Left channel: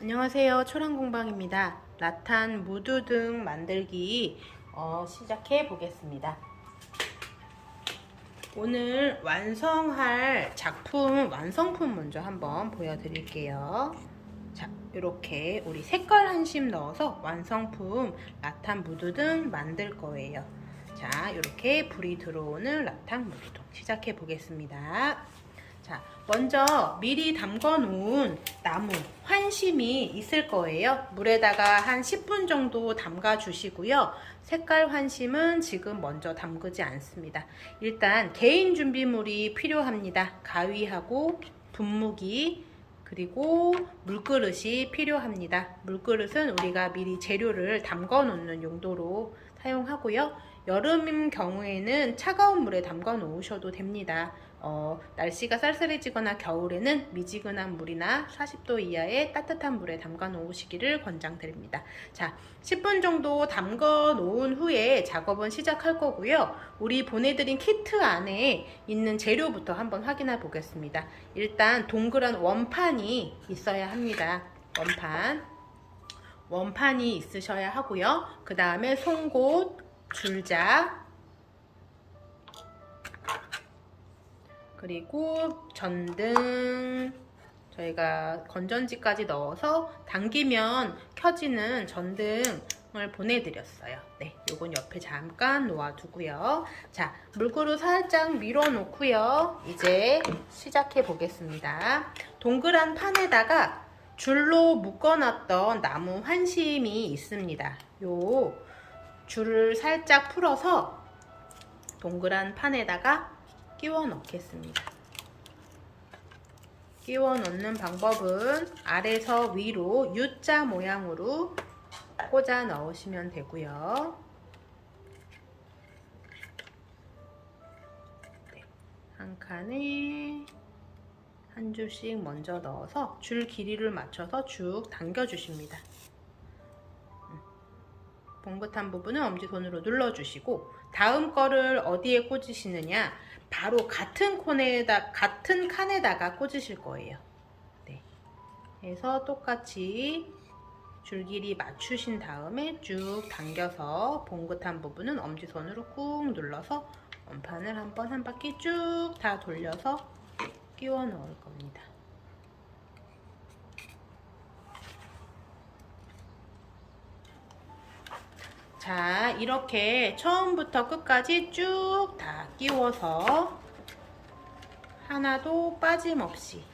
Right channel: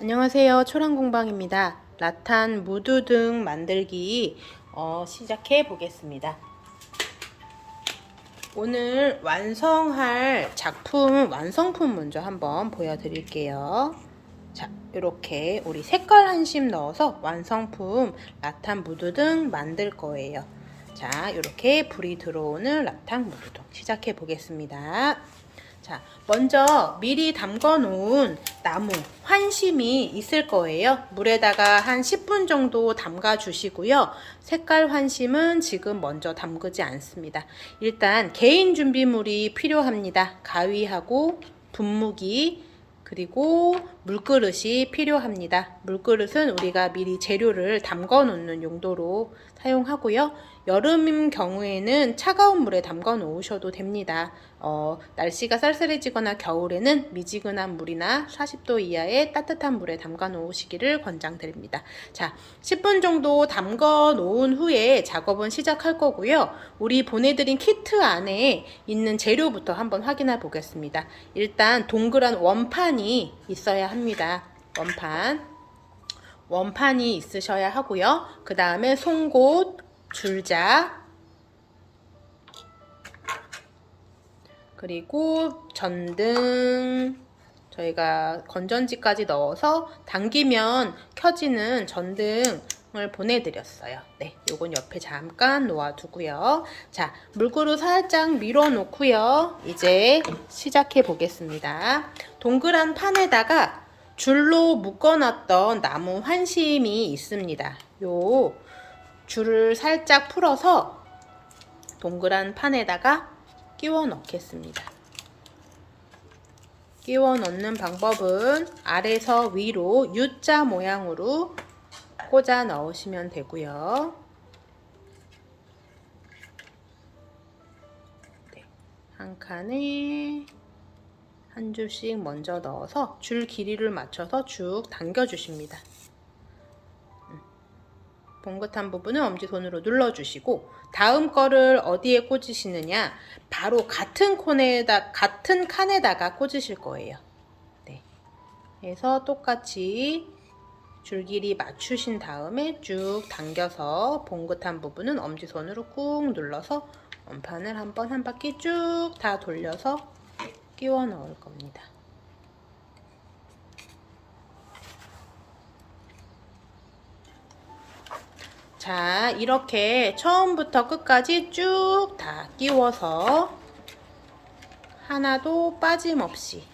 안녕하세요. 초란공방입니다. 라탄 무드 등 만들기 시작해 보겠습니다. 오늘 완성할 작품 완성품 먼저 한번 보여드릴게요. 자, 이렇게 우리 색깔 한 심 넣어서 완성품 라탄 무드 등 만들 거예요. 자, 이렇게 불이 들어오는 라탄 무드 등 시작해 보겠습니다. 자, 먼저 미리 담궈 놓은 나무 환심이 있을 거예요. 물에다가 한 10분 정도 담가 주시고요. 색깔 환심은 지금 먼저 담그지 않습니다. 일단 개인 준비물이 필요합니다. 가위하고 분무기 그리고 물그릇이 필요합니다. 물그릇은 우리가 미리 재료를 담궈 놓는 용도로 사용하고요. 여름인 경우에는 차가운 물에 담궈 놓으셔도 됩니다. 날씨가 쌀쌀해지거나 겨울에는 미지근한 물이나 40도 이하의 따뜻한 물에 담가 놓으시기를 권장드립니다. 자, 10분 정도 담가 놓은 후에 작업은 시작할 거고요. 우리 보내드린 키트 안에 있는 재료부터 한번 확인해 보겠습니다. 일단 동그란 원판이 있어야 합니다. 원판이 있으셔야 하고요. 그 다음에 송곳, 줄자, 그리고 전등, 저희가 건전지까지 넣어서 당기면 켜지는 전등을 보내드렸어요. 네, 요건 옆에 잠깐 놓아두고요. 자, 물그릇 살짝 밀어 놓고요. 이제 시작해 보겠습니다. 동그란 판에다가 줄로 묶어놨던 나무 환심이 있습니다. 요 줄을 살짝 풀어서 동그란 판에다가 끼워 넣겠습니다. 끼워 넣는 방법은 아래서 위로 U자 모양으로 꽂아 넣으시면 되고요. 네, 한 칸에 한 줄씩 먼저 넣어서 줄 길이를 맞춰서 쭉 당겨 주십니다. 봉긋한 부분은 엄지손으로 눌러주시고 다음 거를 어디에 꽂으시느냐, 바로 같은 칸에다가 꽂으실 거예요. 네. 그래서 똑같이 줄 길이 맞추신 다음에 쭉 당겨서 봉긋한 부분은 엄지손으로 꾹 눌러서 원판을 한번 한 바퀴 쭉 다 돌려서 끼워 넣을 겁니다. 자, 이렇게 처음부터 끝까지 쭉 다 끼워서 하나도 빠짐없이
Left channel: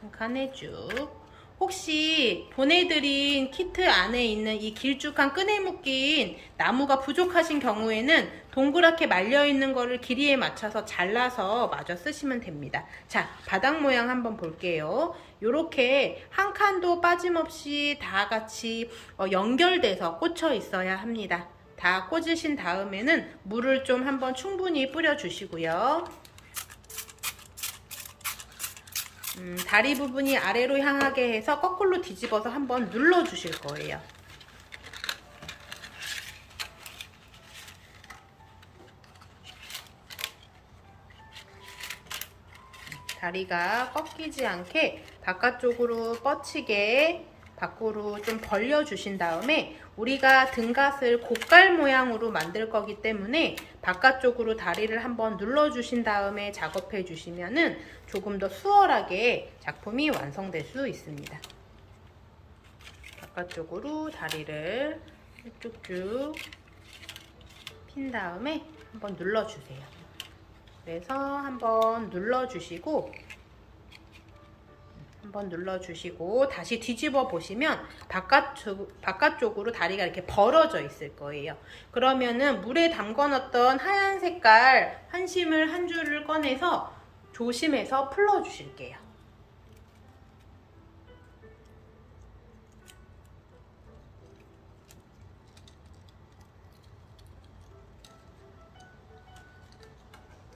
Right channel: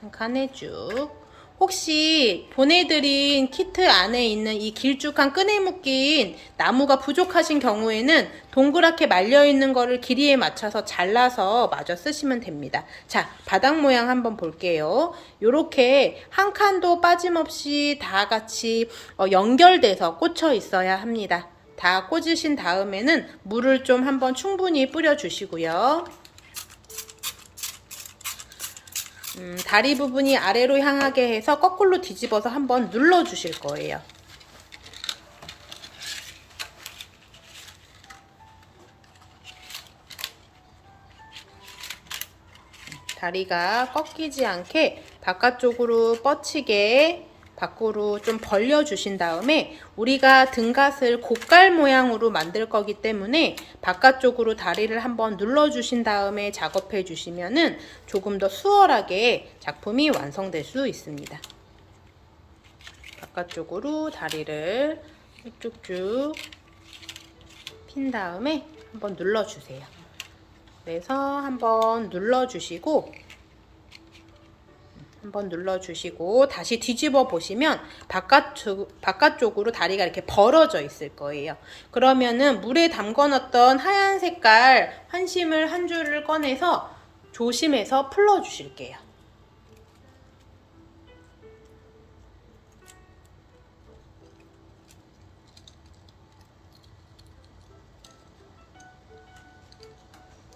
한 칸에 쭉. 혹시 보내드린 키트 안에 있는 이 길쭉한 끈에 묶인 나무가 부족하신 경우에는 동그랗게 말려있는 거를 길이에 맞춰서 잘라서 마저 쓰시면 됩니다. 자, 바닥 모양 한번 볼게요. 요렇게 한 칸도 빠짐없이 다 같이 연결돼서 꽂혀 있어야 합니다. 다 꽂으신 다음에는 물을 좀 한번 충분히 뿌려 주시고요. 다리 부분이 아래로 향하게 해서 거꾸로 뒤집어서 한번 눌러 주실 거예요. 다리가 꺾이지 않게 바깥쪽으로 뻗치게 밖으로 좀 벌려 주신 다음에 우리가 등갓을 곡갈 모양으로 만들 거기 때문에 바깥쪽으로 다리를 한번 눌러 주신 다음에 작업해 주시면은 조금 더 수월하게 작품이 완성될 수 있습니다. 바깥쪽으로 다리를 쭉쭉 핀 다음에 한번 눌러 주세요. 그래서 한번 눌러주시고 다시 뒤집어 보시면 바깥쪽으로 다리가 이렇게 벌어져 있을 거예요. 그러면은 물에 담궈 놨던 하얀 색깔 환심을 한 줄을 꺼내서 조심해서 풀어 주실게요.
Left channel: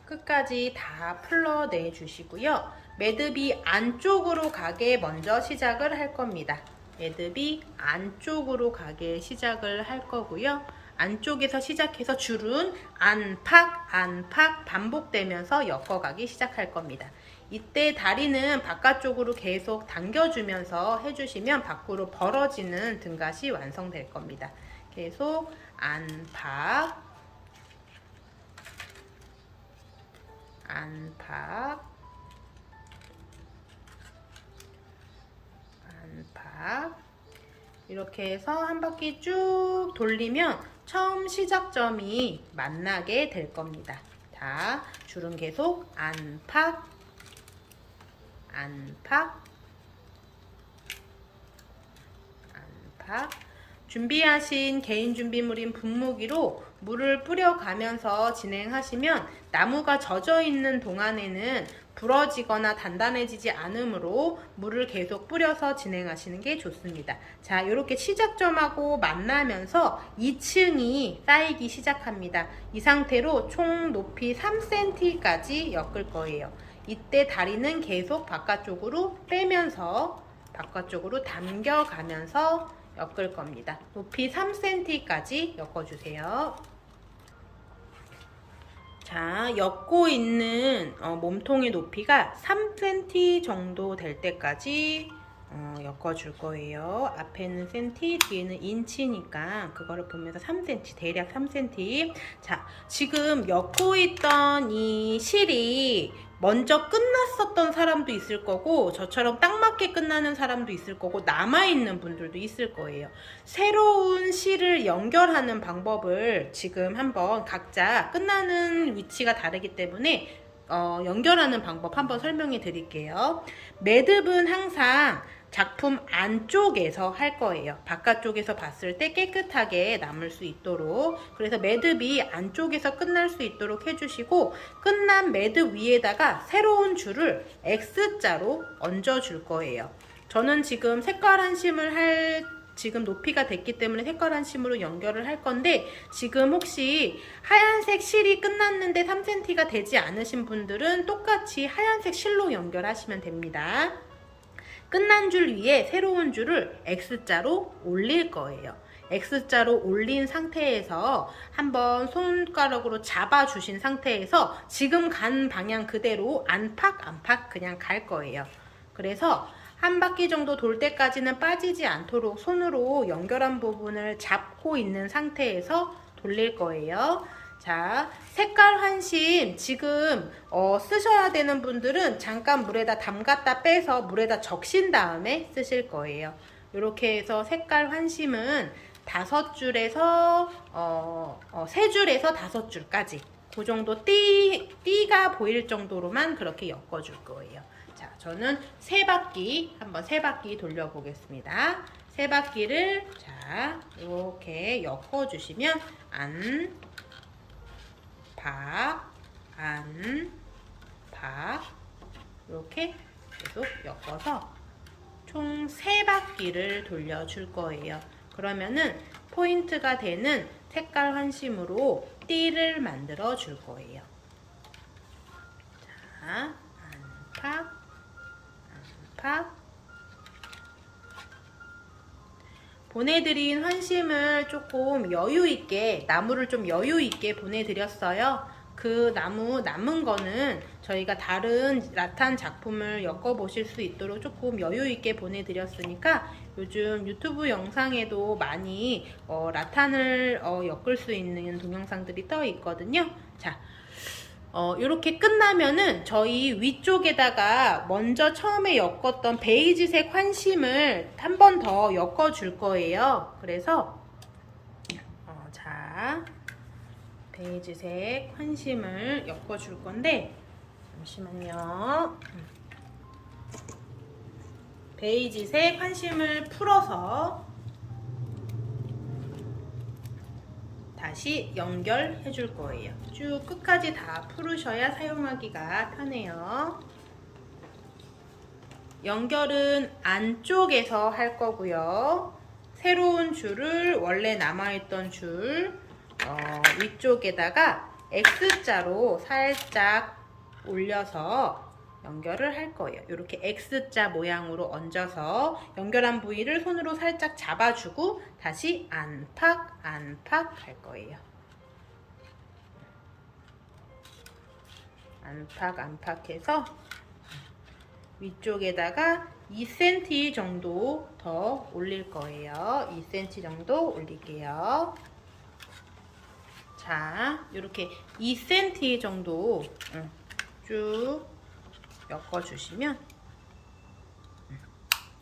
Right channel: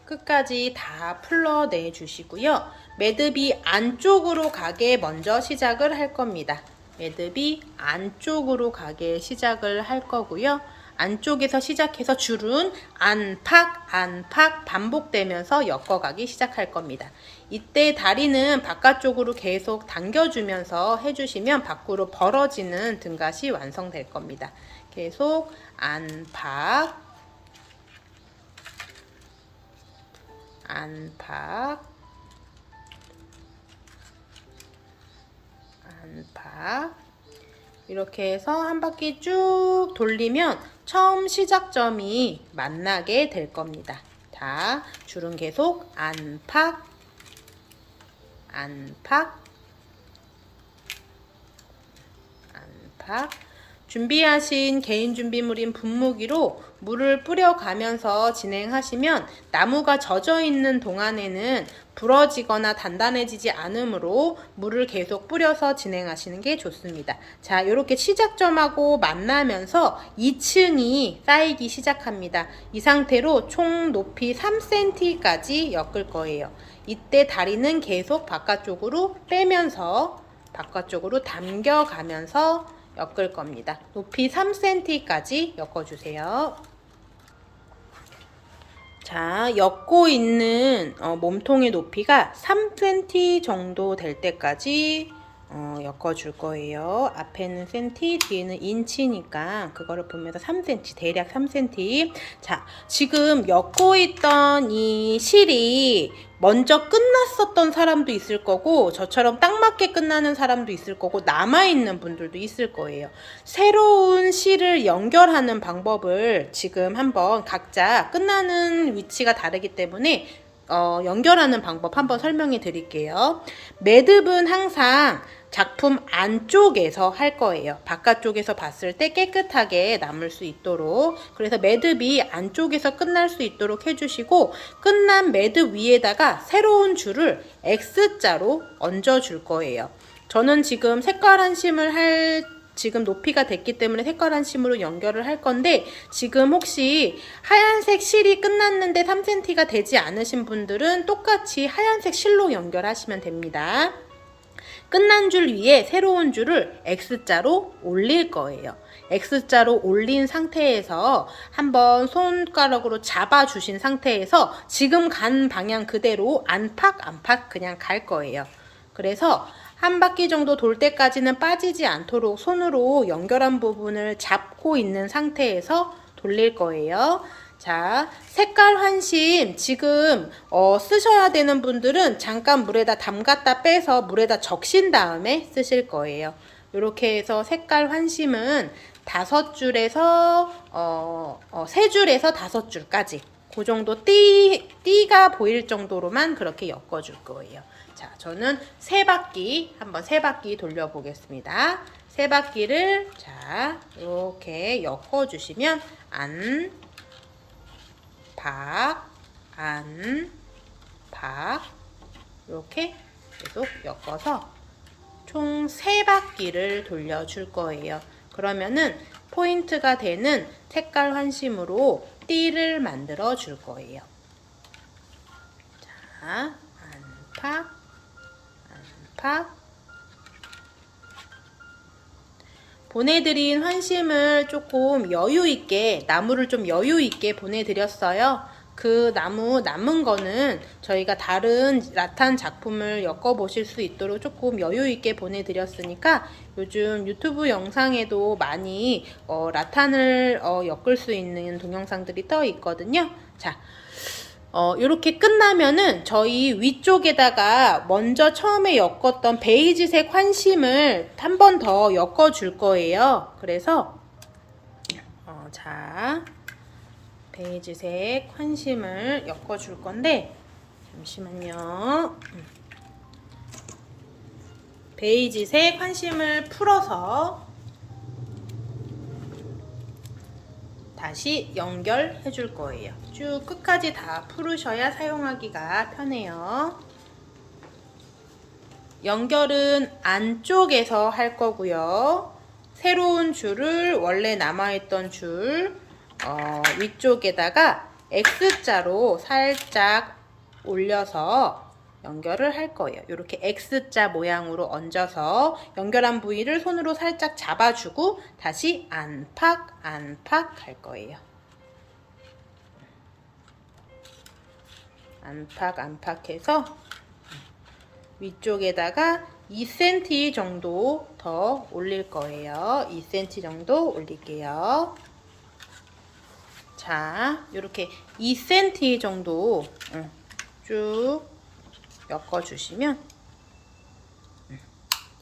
끝까지 다 풀러내 주시고요. 매듭이 안쪽으로 가게 먼저 시작을 할 겁니다. 매듭이 안쪽으로 가게 시작을 할 거고요. 안쪽에서 시작해서 줄은 안팎, 안팎 반복되면서 엮어가기 시작할 겁니다. 이때 다리는 바깥쪽으로 계속 당겨주면서 해주시면 밖으로 벌어지는 등갓이 완성될 겁니다. 계속 안팎, 안팎, 안팎 이렇게 해서 한 바퀴 쭉 돌리면 처음 시작점이 만나게 될 겁니다. 자, 줄은 계속 안팎, 안팎, 안팎. 준비하신 개인 준비물인 분무기로 물을 뿌려가면서 진행하시면 나무가 젖어 있는 동안에는 부러지거나 단단해지지 않으므로 물을 계속 뿌려서 진행하시는 게 좋습니다. 자, 이렇게 시작점하고 만나면서 2층이 쌓이기 시작합니다. 이 상태로 총 높이 3cm까지 엮을 거예요. 이때 다리는 계속 바깥쪽으로 빼면서 바깥쪽으로 당겨가면서 엮을 겁니다. 높이 3cm까지 엮어주세요. 자, 엮고 있는 몸통의 높이가 3cm 정도 될 때까지 엮어줄 거예요. 앞에는 cm, 뒤에는 인치니까 그거를 보면서 3cm, 대략 3cm. 자, 지금 엮고 있던 이 실이 먼저 끝났었던 사람도 있을 거고 저처럼 딱 맞게 끝나는 사람도 있을 거고 남아있는 분들도 있을 거예요. 새로운 실을 연결하는 방법을 지금 한번 각자 끝나는 위치가 다르기 때문에 연결하는 방법 한번 설명해 드릴게요. 매듭은 항상 작품 안쪽에서 할 거예요. 바깥쪽에서 봤을 때 깨끗하게 남을 수 있도록. 그래서 매듭이 안쪽에서 끝날 수 있도록 해주시고 끝난 매듭 위에다가 새로운 줄을 X자로 얹어줄 거예요. 저는 지금 색깔 한 심을 지금 높이가 됐기 때문에 색깔 한 심으로 연결을 할 건데 지금 혹시 하얀색 실이 끝났는데 3cm가 되지 않으신 분들은 똑같이 하얀색 실로 연결하시면 됩니다. 끝난 줄 위에 새로운 줄을 X자로 올릴 거예요. X자로 올린 상태에서 한번 손가락으로 잡아주신 상태에서 지금 간 방향 그대로 안팎 안팎 그냥 갈 거예요. 그래서 한 바퀴 정도 돌 때까지는 빠지지 않도록 손으로 연결한 부분을 잡고 있는 상태에서 돌릴 거예요. 자, 색깔 환심 지금 쓰셔야 되는 분들은 잠깐 물에다 담갔다 빼서 물에다 적신 다음에 쓰실 거예요. 이렇게 해서 색깔 환심은 5줄에서 3줄에서 5줄까지 그 정도 띠가 보일 정도로만 그렇게 엮어줄 거예요. 자, 저는 3바퀴 한번 3바퀴 돌려 보겠습니다. 3바퀴를 자 이렇게 엮어주시면 박, 이렇게 계속 엮어서 총 3바퀴를 돌려줄 거예요. 그러면은 포인트가 되는 색깔 환심으로 띠를 만들어 줄 거예요. 자, 안팎. 보내드린 환심을 조금 여유있게, 나무를 좀 여유있게 보내드렸어요. 그 나무 남은 거는 저희가 다른 라탄 작품을 엮어보실 수 있도록 조금 여유있게 보내드렸으니까 요즘 유튜브 영상에도 많이 라탄을 엮을 수 있는 동영상들이 떠 있거든요. 자, 이렇게 끝나면은 저희 위쪽에다가 먼저 처음에 엮었던 베이지색 환심을 한 번 더 엮어 줄 거예요. 그래서 자, 베이지색 환심을 엮어 줄 건데 잠시만요. 베이지색 환심을 풀어서 다시 연결해 줄 거예요. 쭉 끝까지 다 풀으셔야 사용하기가 편해요. 연결은 안쪽에서 할 거고요. 새로운 줄을 원래 남아있던 줄 위쪽에다가 X자로 살짝 올려서 연결을 할 거예요. 이렇게 X자 모양으로 얹어서 연결한 부위를 손으로 살짝 잡아주고 다시 안팎 할 거예요. 안팎 해서 위쪽에다가 2cm 정도 더 올릴 거예요. 2cm 정도 올릴게요. 자, 이렇게 2cm 정도 쭉 엮어주시면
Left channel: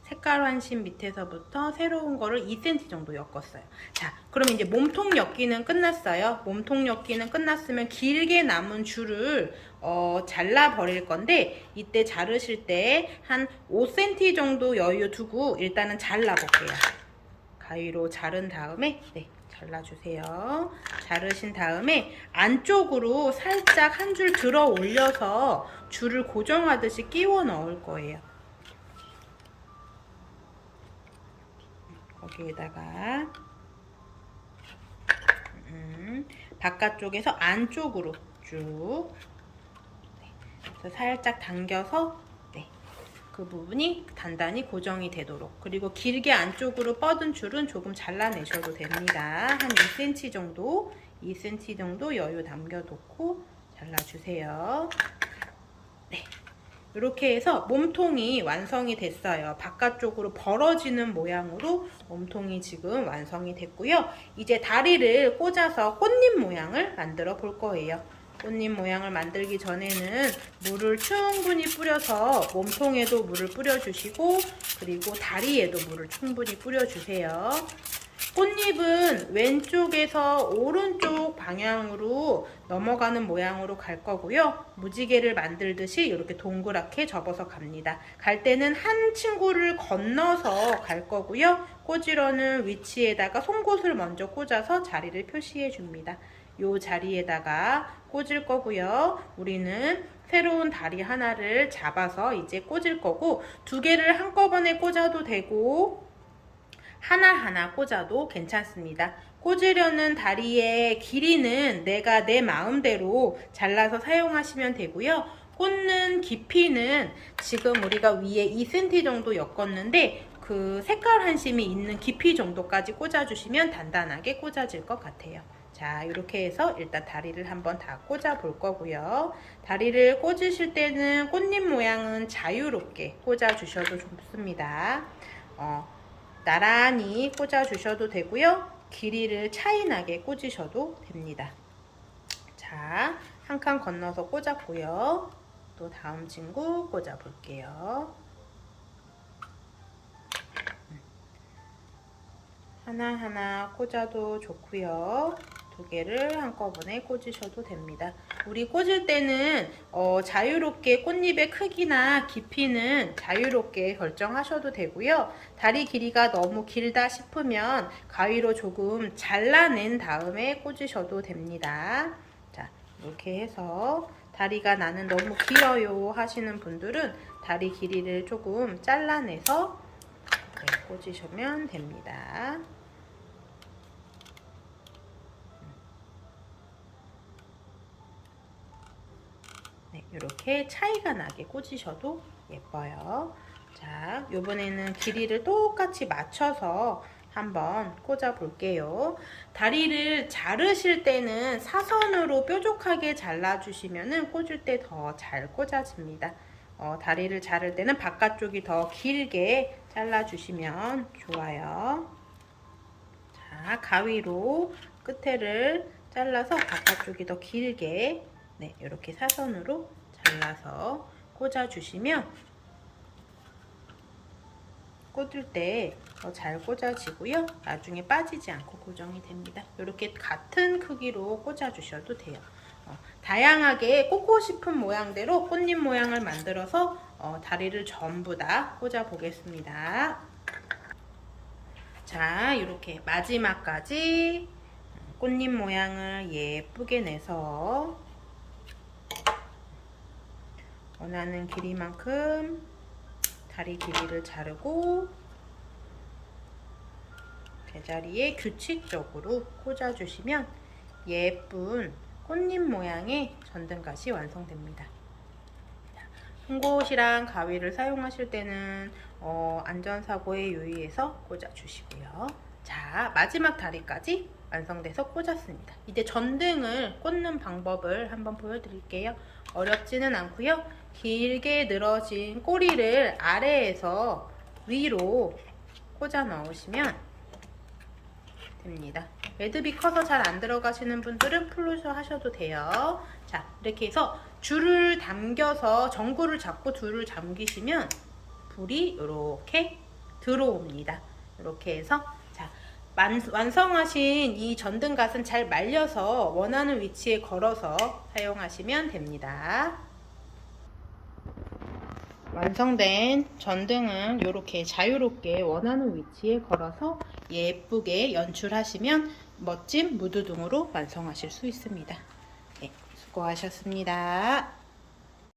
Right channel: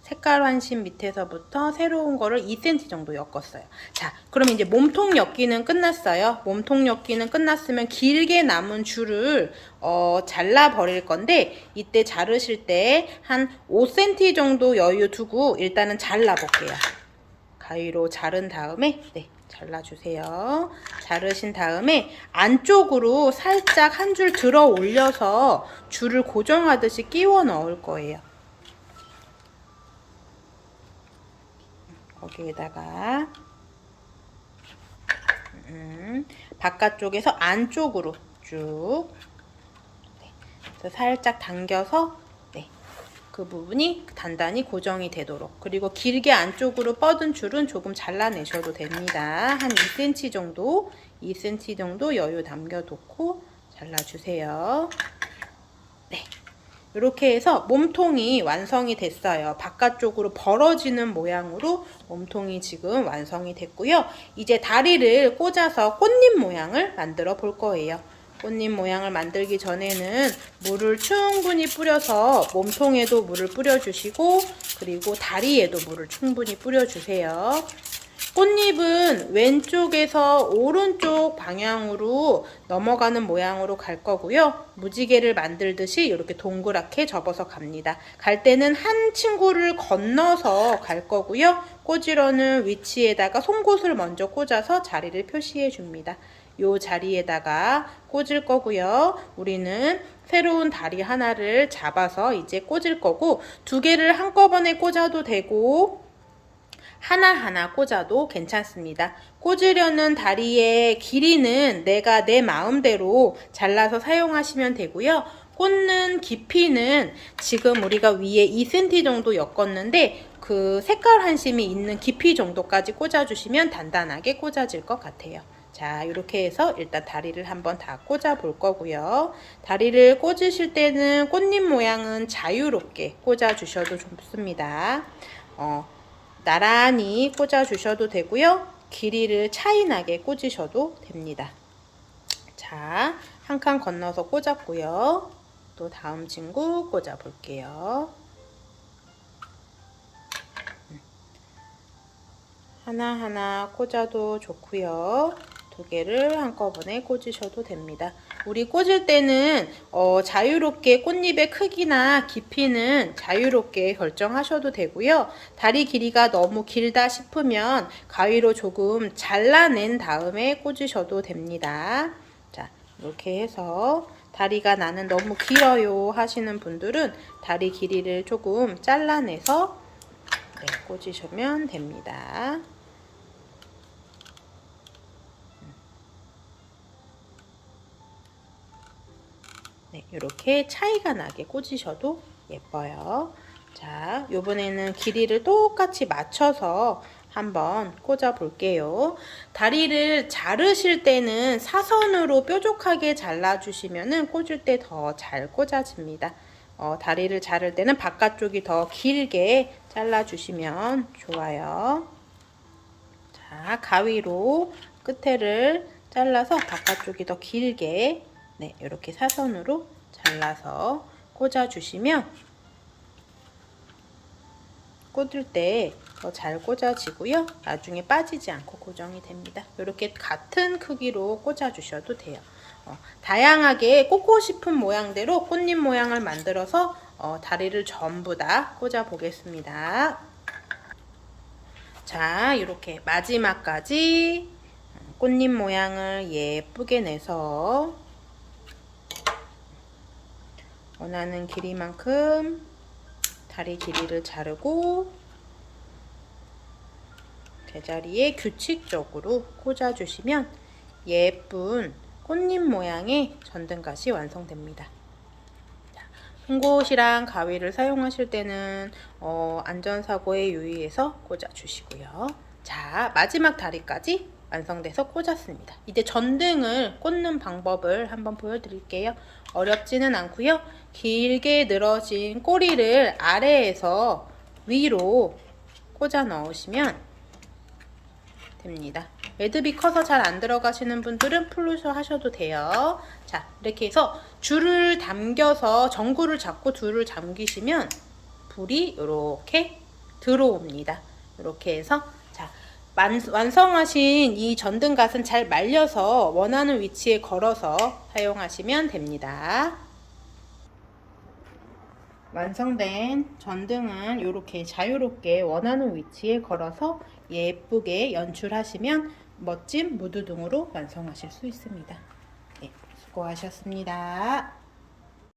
색깔 환심 밑에서부터 새로운 거를 2cm 정도 엮었어요. 자, 그러면 이제 몸통 엮기는 끝났어요. 몸통 엮기는 끝났으면 길게 남은 줄을 잘라 버릴 건데 이때 자르실 때 한 5cm 정도 여유 두고 일단은 잘라 볼게요. 가위로 자른 다음에 잘라주세요. 자르신 다음에 안쪽으로 살짝 한 줄 들어 올려서 줄을 고정하듯이 끼워 넣을 거예요. 거기에다가 바깥쪽에서 안쪽으로 쭉 살짝 당겨서 그 부분이 단단히 고정이 되도록, 그리고 길게 안쪽으로 뻗은 줄은 조금 잘라내셔도 됩니다. 한 2cm 정도 여유 남겨놓고 잘라주세요. 이렇게 해서 몸통이 완성이 됐어요. 바깥쪽으로 벌어지는 모양으로 몸통이 지금 완성이 됐고요. 이제 다리를 꽂아서 꽃잎 모양을 만들어 볼 거예요. 꽃잎 모양을 만들기 전에는 물을 충분히 뿌려서 몸통에도 물을 뿌려주시고 그리고 다리에도 물을 충분히 뿌려주세요. 꽃잎은 왼쪽에서 오른쪽 방향으로 넘어가는 모양으로 갈 거고요. 무지개를 만들듯이 이렇게 동그랗게 접어서 갑니다. 갈 때는 한 친구를 건너서 갈 거고요. 꽂으려는 위치에다가 송곳을 먼저 꽂아서 자리를 표시해 줍니다. 요 자리에다가 꽂을 거고요. 우리는 새로운 다리 하나를 잡아서 이제 꽂을 거고, 두 개를 한꺼번에 꽂아도 되고 하나하나 꽂아도 괜찮습니다. 꽂으려는 다리의 길이는 내가 내 마음대로 잘라서 사용하시면 되고요. 꽂는 깊이는 지금 우리가 위에 2cm 정도 엮었는데 그 색깔 한심이 있는 깊이 정도까지 꽂아주시면 단단하게 꽂아질 것 같아요. 자, 이렇게 해서 일단 다리를 한번 다 꽂아 볼 거고요. 다리를 꽂으실 때는 꽃잎 모양은 자유롭게 꽂아 주셔도 좋습니다. 나란히 꽂아 주셔도 되고요. 길이를 차이나게 꽂으셔도 됩니다. 자, 한 칸 건너서 꽂았고요. 또 다음 친구 꽂아 볼게요. 하나하나 꽂아도 좋고요. 두 개를 한꺼번에 꽂으셔도 됩니다. 우리 꽂을 때는 자유롭게 꽃잎의 크기나 깊이는 자유롭게 결정하셔도 되고요. 다리 길이가 너무 길다 싶으면 가위로 조금 잘라낸 다음에 꽂으셔도 됩니다. 자, 이렇게 해서 다리가 나는 너무 길어요 하시는 분들은 다리 길이를 조금 잘라내서 꽂으시면 됩니다. 이렇게 차이가 나게 꽂으셔도 예뻐요. 자, 요번에는 길이를 똑같이 맞춰서 한번 꽂아 볼게요. 다리를 자르실 때는 사선으로 뾰족하게 잘라주시면 꽂을 때 더 잘 꽂아집니다. 다리를 자를 때는 바깥쪽이 더 길게 잘라주시면 좋아요. 자, 가위로 끝에를 잘라서 바깥쪽이 더 길게 이렇게 사선으로 잘라서 꽂아주시면 꽂을 때 더 잘 꽂아지고요. 나중에 빠지지 않고 고정이 됩니다. 이렇게 같은 크기로 꽂아주셔도 돼요. 다양하게 꽂고 싶은 모양대로 꽃잎 모양을 만들어서 다리를 전부 다 꽂아 보겠습니다. 자, 이렇게 마지막까지 꽃잎 모양을 예쁘게 내서 원하는 길이만큼 다리 길이를 자르고 제자리에 규칙적으로 꽂아주시면 예쁜 꽃잎 모양의 전등갓이 완성됩니다. 흰곳이랑 가위를 사용하실 때는 안전사고에 유의해서 꽂아주시고요. 자, 마지막 다리까지 완성돼서 꽂았습니다. 이제 전등을 꽂는 방법을 한번 보여드릴게요. 어렵지는 않고요. 길게 늘어진 꼬리를 아래에서 위로 꽂아 넣으시면 됩니다. 매듭이 커서 잘 안 들어가시는 분들은 풀로서 하셔도 돼요. 자, 이렇게 해서 줄을 당겨서 전구를 잡고 줄을 잠기시면 불이 이렇게 들어옵니다. 이렇게 해서 자, 완성하신 이 전등갓은 잘 말려서 원하는 위치에 걸어서 사용하시면 됩니다. 완성된 전등은 이렇게 자유롭게 원하는 위치에 걸어서 예쁘게 연출하시면 멋진 무드등으로 완성하실 수 있습니다. 네, 수고하셨습니다.